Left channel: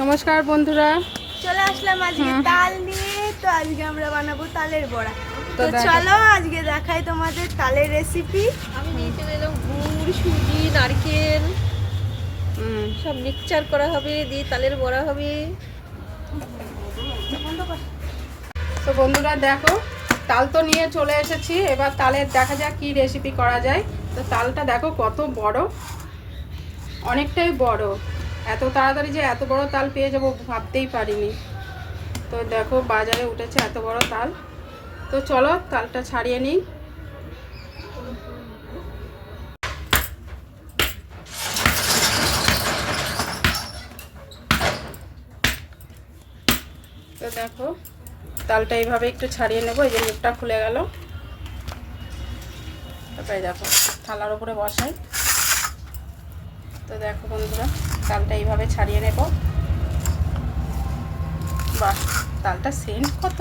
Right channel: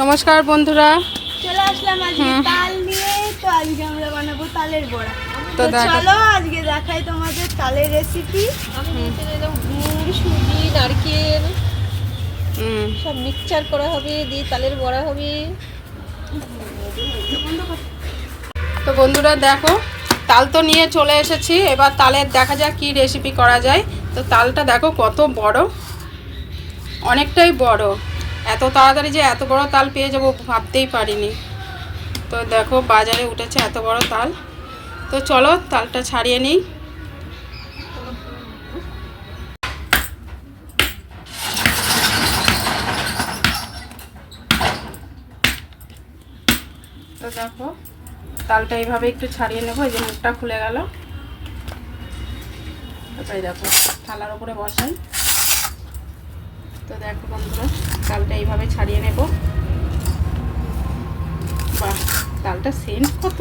নমস্কার বন্ধুরা, চলে আসলাম আজকে তাল নিয়ে। তো আজকে আমরা বানাবো তালের বড়া। তো চলো আজকে দেখাই তোমাদের তালের রেসিপি। আমি নিচে দিলাম গুড়, সুজি, নারকেল সব মিক্সচার করা হবে, দিয়ে তালের বড়া হবে। তো বন্ধুরা দেখো, তাল তো নিয়ে চলে এসেছি। এবার তালের দেখা যাক কি রেসিপি করা যায়। তো তালটা দেখো কত বড়, অনেকটাই বড়। এত তাড়াতাড়ি যে এত বড় তাল পেয়ে যাবো ভাবতেই পারিনি। তো দেখো বাজারে উঠেছে এত বড় তাল। তো চলো তালটা ছাড়িয়ে নিই। তো দেখো তালটা এইভাবে একটু ছাড়িয়ে নেবো। এই যে মুখটা খুলে গেল। তাই দেখো থালার উপরে বসাই। তো দেখো বন্ধুরা, তালটা এইভাবে ছাড়িয়ে নেব। বাহ, তালটা সেন্ট কত,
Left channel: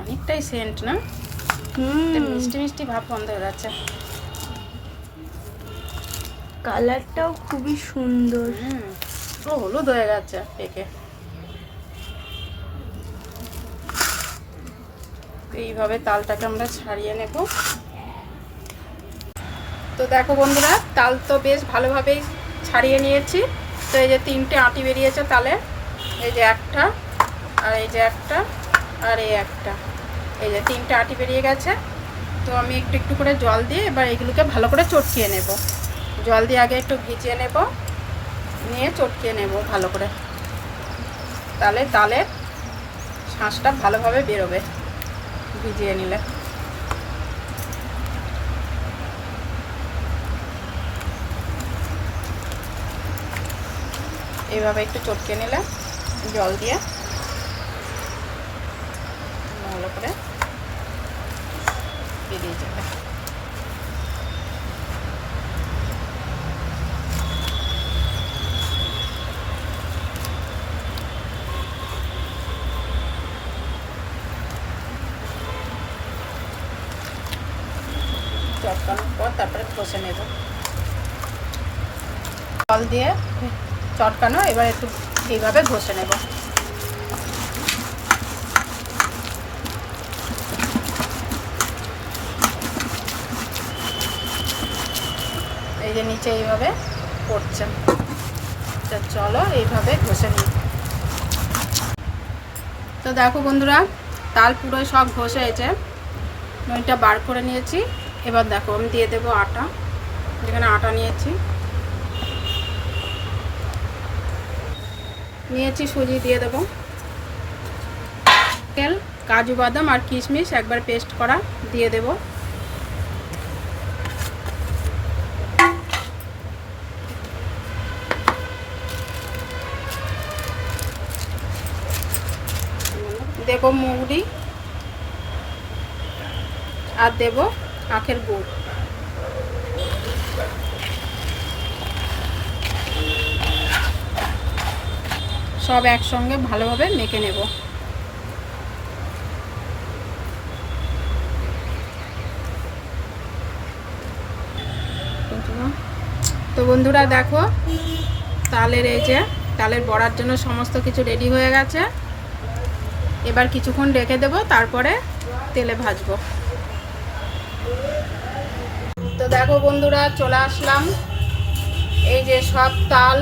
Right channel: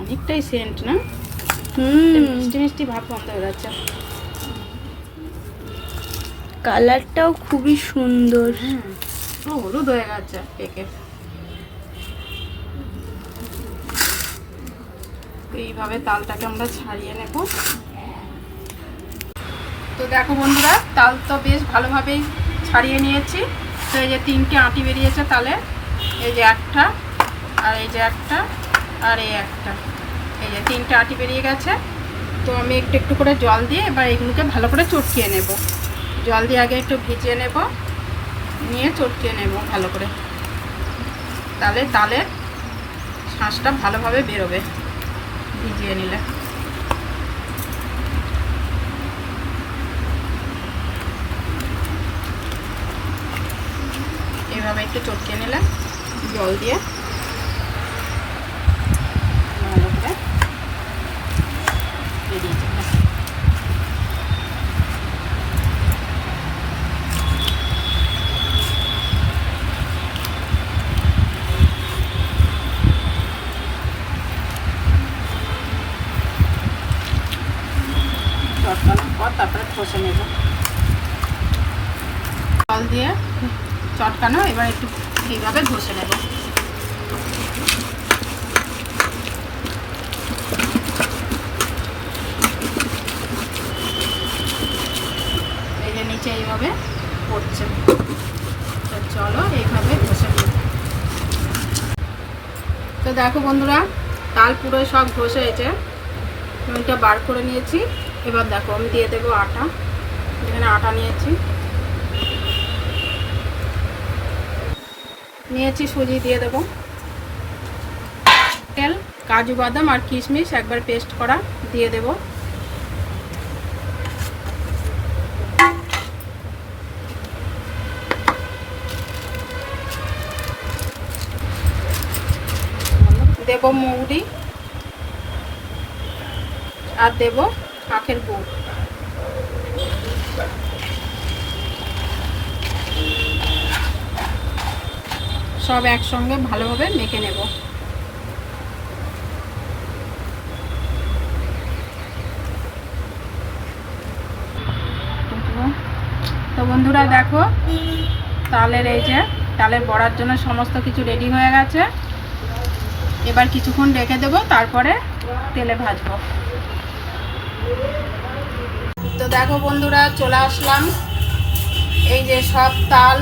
অনেকটাই সেন্ট না? মিষ্টি মিষ্টি ভাব বন্ধ হয়ে যাচ্ছে। কালারটাও খুবই সুন্দর। ও হলুদ হয়ে গেছে পেকে। তো এইভাবে তালটাকে আমরা ছাড়িয়ে নেব। তো দেখো বন্ধুরা, তাল তো বেশ ভালোভাবেই ছাড়িয়ে নিয়েছি। তো এই যে 3টে আঁটি বেরিয়েছে তালের। এই যে একটা, আর এই যে একটা, আর এই একটা। এই যে 3টে আঁটি বেরিয়ে গেছে। তো আমি একটু একটু করে জল দিয়ে এবার এইগুলোকে ভালো করে চটকিয়ে নেব। জল দিয়ে আগে একটু ভিজিয়ে নেব, নিয়ে চটকিয়ে নেব ভালো করে। তাহলে তালের শাঁসটা ভালোভাবে বেরোবে ভিজিয়ে নিলে। এইভাবে একটু চটকে নিলে জল দিয়ে ভালো করে বেরিয়ে যাবে। চটকানোর পর তারপরে কষে নেব জল দিয়ে। চটকানো এবার একটু এইভাবে ঘষে নেব। এই যে নিচে এইভাবে পড়ছে। চলো এইভাবে ঘষে নেব। তো দেখো বন্ধুরা, তাল পুরোই সব ঘষে হয়েছে। এটা বার করে নিয়েছি। এবার দেখো আমি দিয়ে দেবো আটা। যেখানে আটা নিয়েছি সুজি দিয়ে দেবো। তেল, কাজু বাদাম আর কিশমিশ একবার পেস্ট করা দিয়ে দেবো। দেবো মৌরি আর দেবো আখের গুড়। সব একসঙ্গে ভালোভাবে মেখে নেব। তো বন্ধুরা দেখো, তালের এই যে তালের বড়ার জন্য সমস্ত কিছু রেডি হয়ে গেছে। এবার কিছুক্ষণ রেখে দেবো, তারপরে তেলে ভাজবো। তো দেখো বন্ধুরা, চলে আসলাম। এই যে সব তাল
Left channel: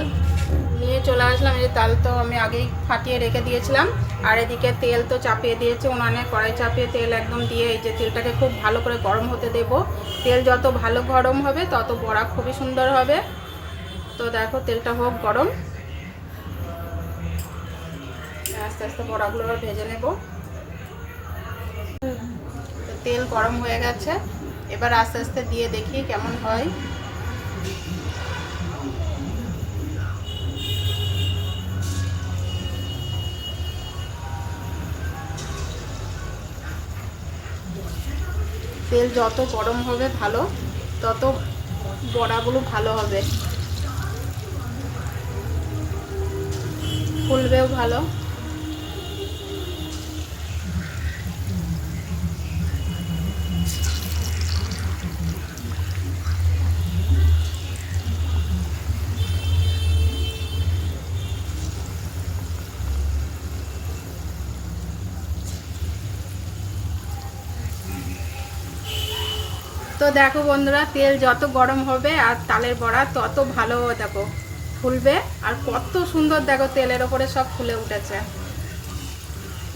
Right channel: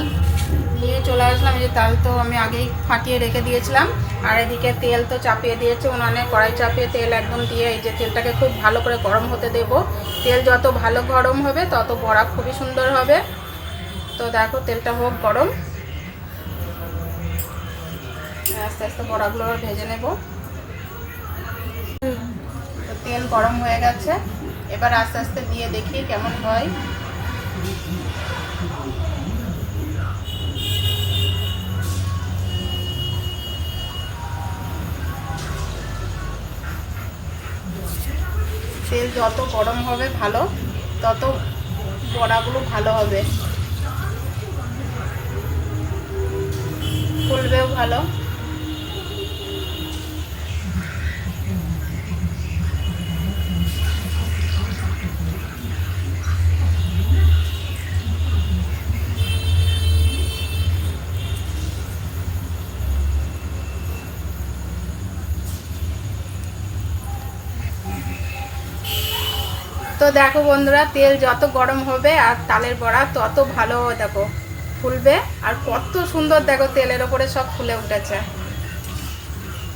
নিয়ে চলে আসলাম। এই যে তাল তো আমি আগেই ফাটিয়ে রেখে দিয়েছিলাম। আর এদিকে তেল তো চাপিয়ে দিয়েছে উনানে, কড়াই চাপিয়ে তেল একদম দিয়ে এই যে তেলটাকে খুব ভালো করে গরম হতে দেব। তেল যত ভালো গরম হবে তত বড়া খুবই সুন্দর হবে। তো দেখো তেলটা হোক গরম, আস্তে আস্তে বড়াগুলো ভেজে নেব। তেল গরম হয়ে গেছে, এবার আস্তে আস্তে দিয়ে দেখি কেমন হয়। তেল যত গরম হবে ভালো, তত বড়াগুলো ভালো হবে, ফুলবেও ভালো। তো দেখো বন্ধুরা, তেল যত গরম হবে আর তালের বড়া তত ভালো দেখো ফুলবে। আর কত সুন্দর দেখো তেলের ওপরে সব ফুলে উঠেছে,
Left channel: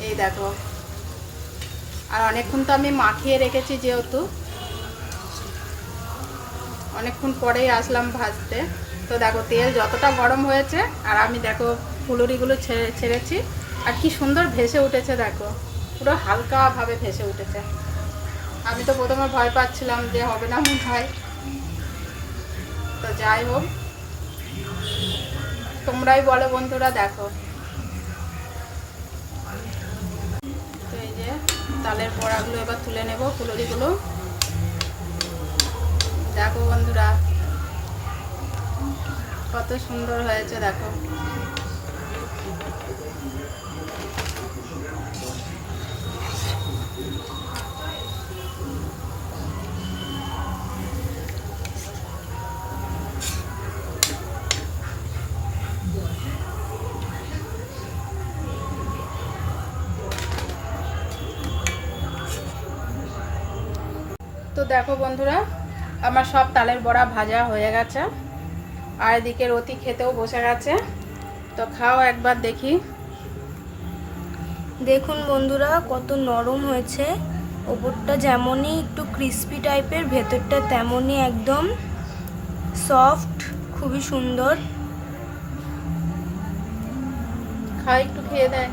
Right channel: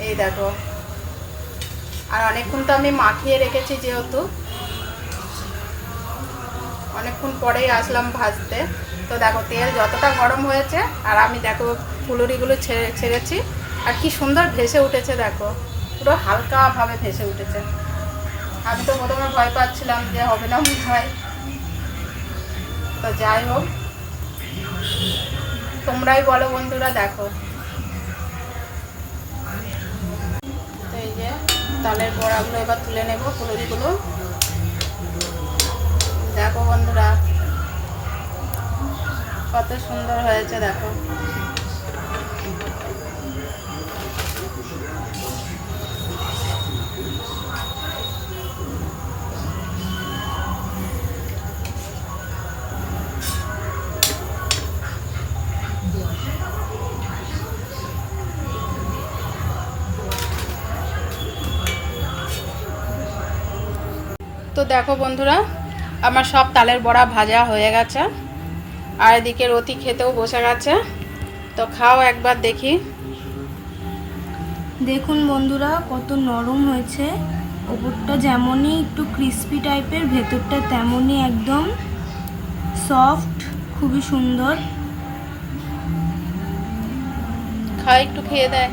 এই দেখো। আর অনেকক্ষণ তো আমি মাখিয়ে রেখেছি, যেহেতু অনেকক্ষণ পরেই আসলাম ভাজতে। তো দেখো তেল যতটা গরম হয়েছে আর আমি দেখো ফুলুরিগুলো ছেড়েছি আর কি সুন্দর ভেসে উঠেছে দেখো, পুরো হালকাভাবে ভেসে উঠেছে। আমি তো প্রথমে ভয় পাচ্ছিলাম যে হবে না মনে হয়, তো যাই হোক তোমরাই বলো বন্ধুরা। দেখো তো এই যে তালের বড়াগুলো এবার তুলে নেব, ফুলুরিগুলো। দেখো বন্ধুরা কত সুন্দর হয়েছে দেখো। তো দেখো বন্ধুরা, আমার সব তালের বড়া ভাজা হয়ে গেছে আর এদিকে রতি খেতেও বসে গেছে। তো খাও একবার দেখি। দেখুন বন্ধুরা কত নরম হয়েছে, ওপরটা যেমনই একটু ক্রিস্পি টাইপের, ভেতরটা তেমনই একদম সফট, খুবই সুন্দর। খাও, একটু খেয়ে দেয়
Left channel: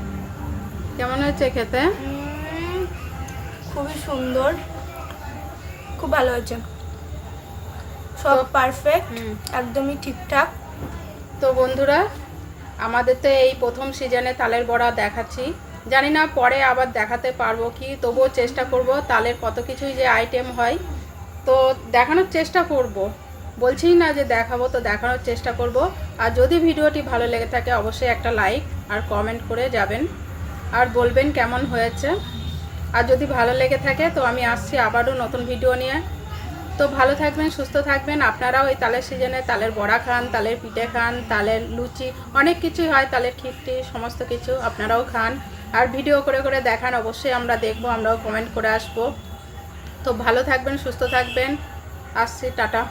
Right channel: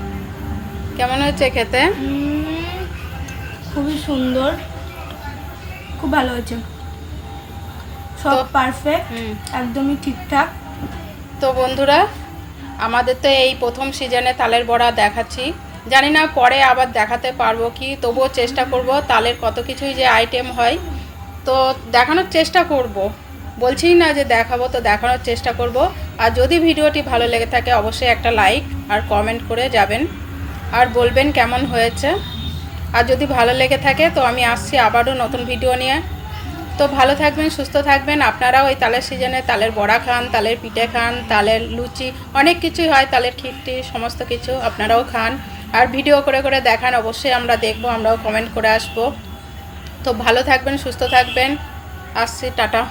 কেমন হয়েছে খেতে। খুবই সুন্দর, খুব ভালো হয়েছে, সব পারফেক্ট, একদমই ঠিকঠাক। তো বন্ধুরা, আমাদের তো এই প্রথম সিজনে তালের বড়া দেখাচ্ছি, জানি না পরে আবার দেখাতে পারবো কি, তবুও চেষ্টা করব। তালের কত কিছুই যে আইটেম হয়, তো দেখানোর চেষ্টা করব, বলছি না যে দেখাবো, তো দেখানোর চেষ্টা করব। আর যদি ভিডিওটি ভালো লেগে থাকে অবশ্যই একটা লাইক আর কমেন্ট করে যাবেন আর বলবেন কেমন হয়েছে। আর যদি ভালো লেগে থাকে তো আমি আসছি আবারও নতুন ভিডিও নিয়ে। তো ভালো থাকবেন, সুস্থ থাকবেন। আপনারাও এই তালের সিজনে তালের বড়া খান, তালের পিঠে খান, তালের লুচি, অনেক কিছুই হয়, তালের খিট্টি, সমস্ত কিছু আপনারাও খান আর ভিডিও করে করে দেখান, অবশ্যই আমরা দেখব, আমরাও কমেন্ট করে আসব। তো ভালো থাকবেন, সুস্থ থাকবেন, আসছি, টাটা।